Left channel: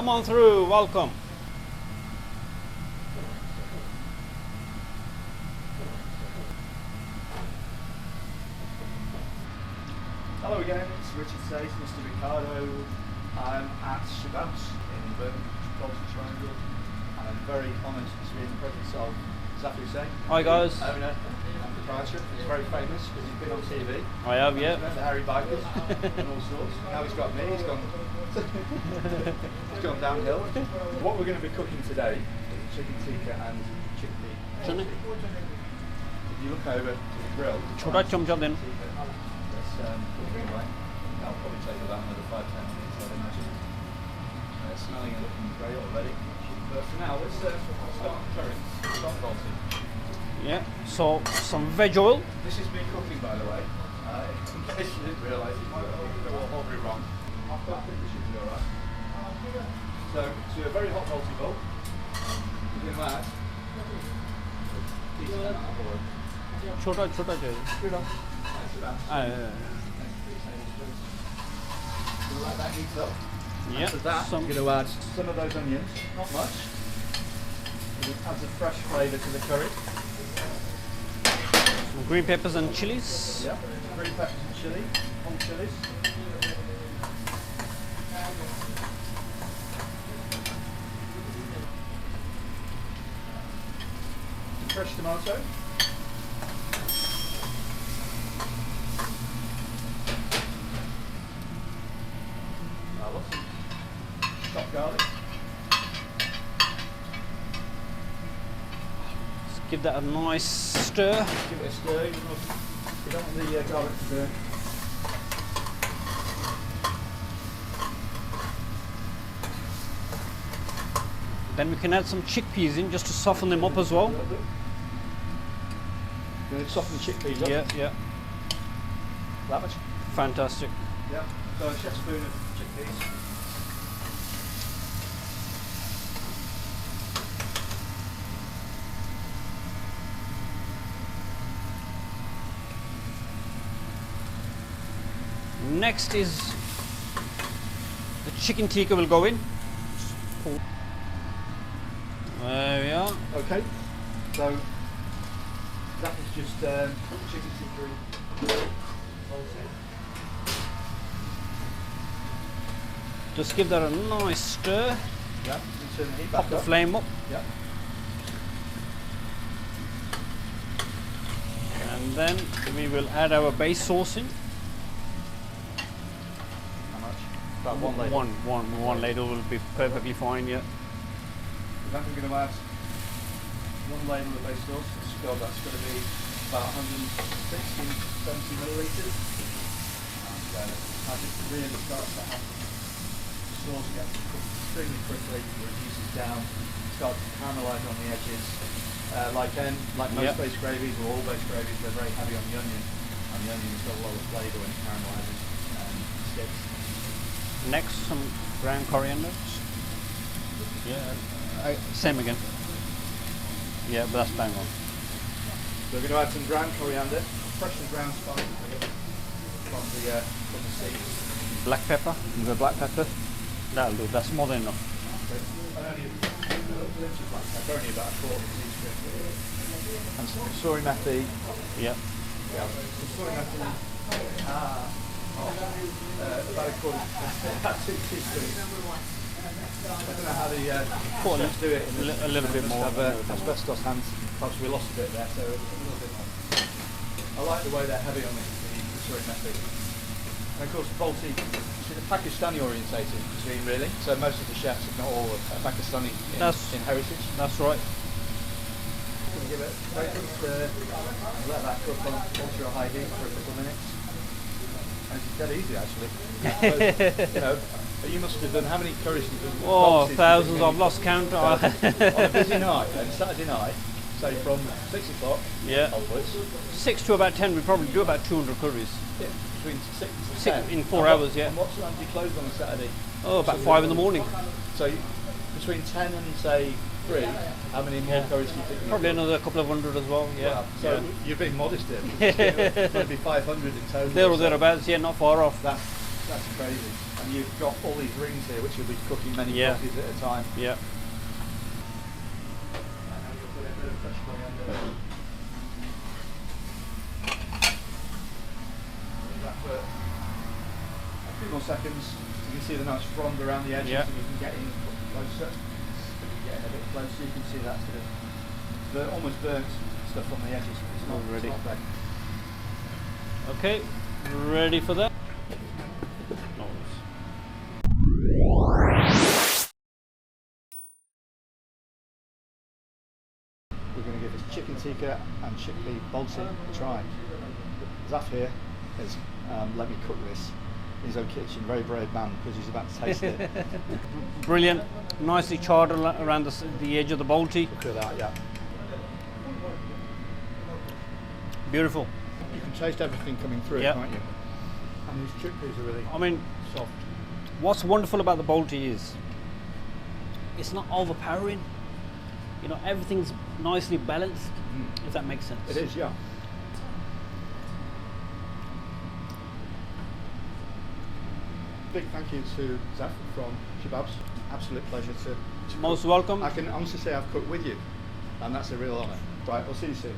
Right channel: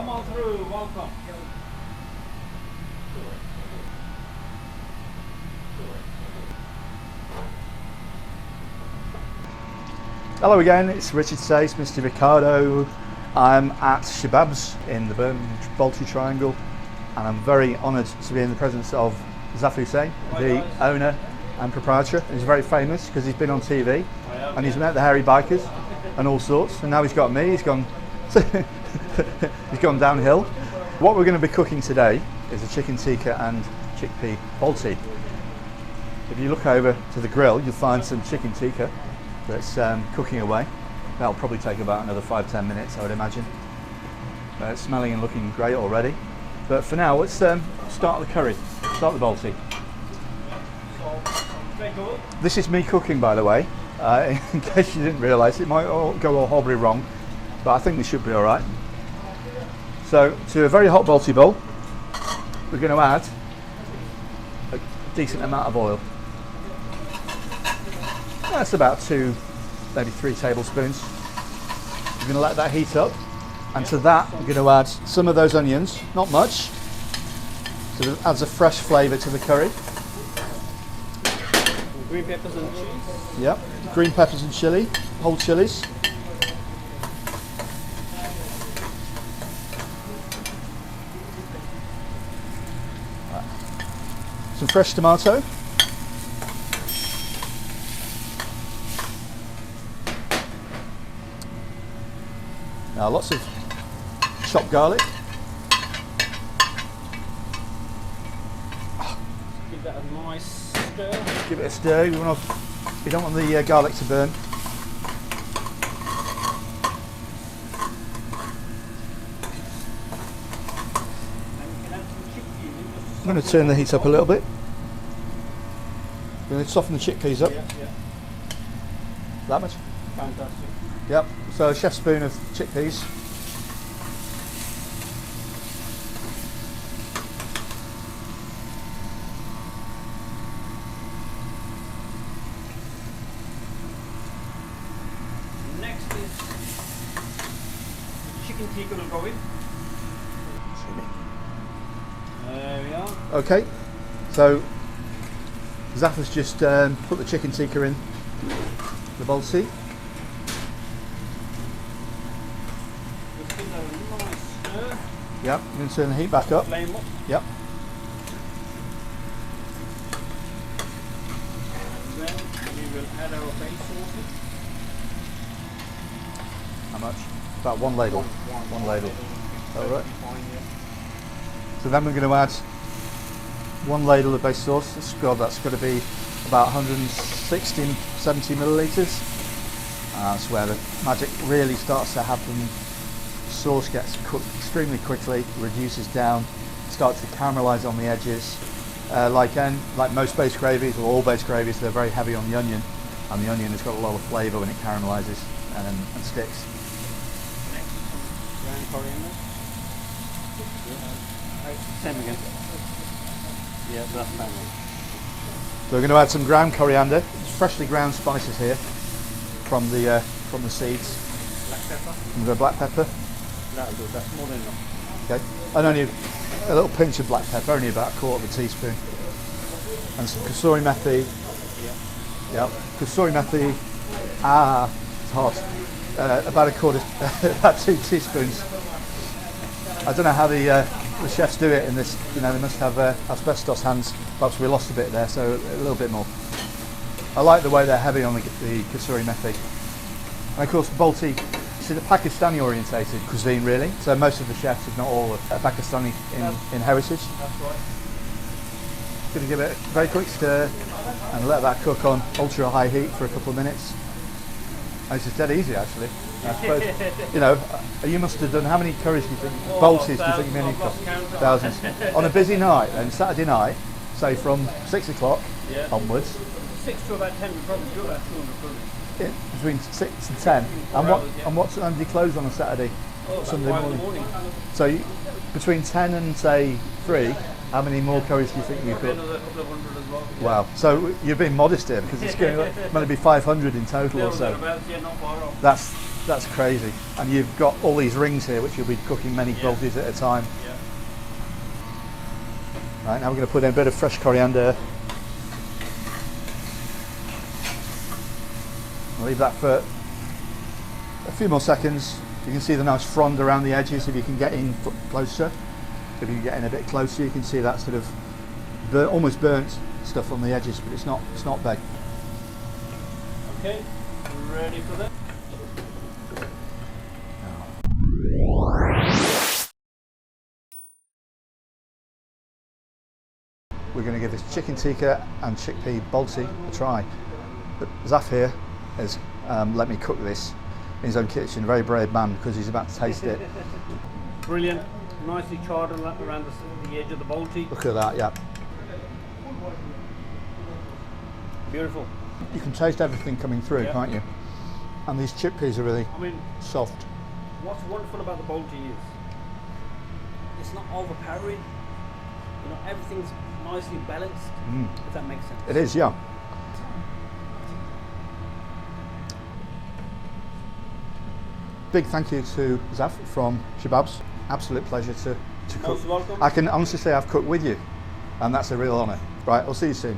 Come on through, welcome. Hello again, it's Richard Sayce, Mr. Ricardo. I'm at Shababs in the Birmingham Balti Triangle, and I'm very honoured to be in the presence of Zaf Hussain, the owner and proprietor. He's very famous because he's been on TV and he's met the hairy bikers and all sorts, and now he's got me. He's gone downhill. What we're going to be cooking today is a chicken tikka and chickpea Balti. If you look over to the grill, you'll find some chicken tikka that's cooking away. That'll probably take about another 5-10 minutes, I would imagine. It's smelling and looking great already. But for now, let's start the curry. Start the Balti. Yeah, so some veg oil. This is me cooking, by the way, in case you didn't realise. It might all go all horribly wrong, but I think we should be all right. So, to a very hot Balti bowl, we're going to add a decent amount of oil. That's about 2, maybe 3 tablespoons. We're going to let that heat up, and to that I'm going to add some of those onions, not much, so it adds a fresh flavour to the curry. Green peppers and chilies. Yep, green peppers and chilli, whole chilies. Some fresh tomato. Now lots of chopped garlic. Let's give that a nice stir. Give it a stir. You don't want the garlic to burn. Then we can add some chickpeas in just to soften I'm going to turn the heat up a little bit. We're going to soften the chickpeas up. Yeah. That much? Fantastic. Yep. So a chef's spoon of chickpeas. Next is the chicken tikka will go in. There we are. Okay. So Zaf has just put the chicken tikka in the Balti. Just give that a nice stir. Yep. Then turn the heat back up. Flame up. Yep. And then we will add our base sauce in. How much? About 1 ladle. One ladle will be perfectly fine, yeah. So then we're going to add 1 ladle of base sauce. That's got to be about 160, 70 millilitres. That's where the magic really starts to happen. Sauce gets cooked extremely quickly, reduces down, starts to caramelise on the edges. Like most base gravies, or all base gravies, they're very heavy on the onion, and the onion has got a lot of flavour when it caramelises and sticks. Next, some ground coriander. Yeah, same again. Yeah, that's bang on. So we're going to add some ground coriander, freshly ground spices here from the seeds. Black pepper. And the black pepper. That'll do. That's more than enough. Okay. And only a little pinch of black pepper, only about 1/4 teaspoon. And some kasuri methi. Yeah. Yep. Kasuri methi. It's hot. About about 2 teaspoons. I don't know how the chefs do it in this. They must have asbestos hands. Perhaps we lost a bit there, so a little bit more. I like the way they're heavy on the kasuri methi. And of course, Balti, the Pakistani orientated cuisine really. So most of the chefs, if not all, are Pakistani in heritage. That's right. Going to give it a very quick stir and let that cook on ultra high heat for a couple of minutes. It's just dead easy actually. You must have done, how many curries do you think? Oh, thousands, I've lost count. Thousands. On a busy night, then Saturday night, say from 6 o'clock onwards. 6 to about 10, we probably do about 200 curries. Yeah, between 6 and 10. In 4 hours, yeah. And what time do you close on a Saturday? Oh, about 5 in the morning. So between 10 and say 3, how many more curries do you think you've got? Probably another couple of hundred as well. Yeah. Wow. So you're being modest here because it's going to be 500 in total. There or thereabouts, yeah, not far off. That's That's crazy. And you've got all these rings here, which you'll be cooking many baltis at a time. Yeah. Right, now we're going to put in a bit of fresh coriander. I'll leave that for a few more seconds. You can see the nice frond around the edges. If you can get in closer, if you can get in a bit closer, you can see that sort of almost burnt stuff on the edges, but it's not. It's not bad. Okay, ready for that. We're going to give this chicken tikka and chickpea balti a try. But Zaf here has let me cook this in his own kitchen. Very brave man, because he's about to taste it. Brilliant, nicely charred around the edge of the balti. Look at that, yeah. Beautiful. You can taste everything coming through, can't you? And these chickpeas are really soft. What's wonderful about the balti is it's not overpowering. You know, everything's nicely balanced, if that makes sense. It is, yeah. Big thank you to Zaf from Shababs. Absolute pleasure to cook. Most welcome. I can honestly say I've cooked with you, and that's a real honour. Right, I'll see you soon.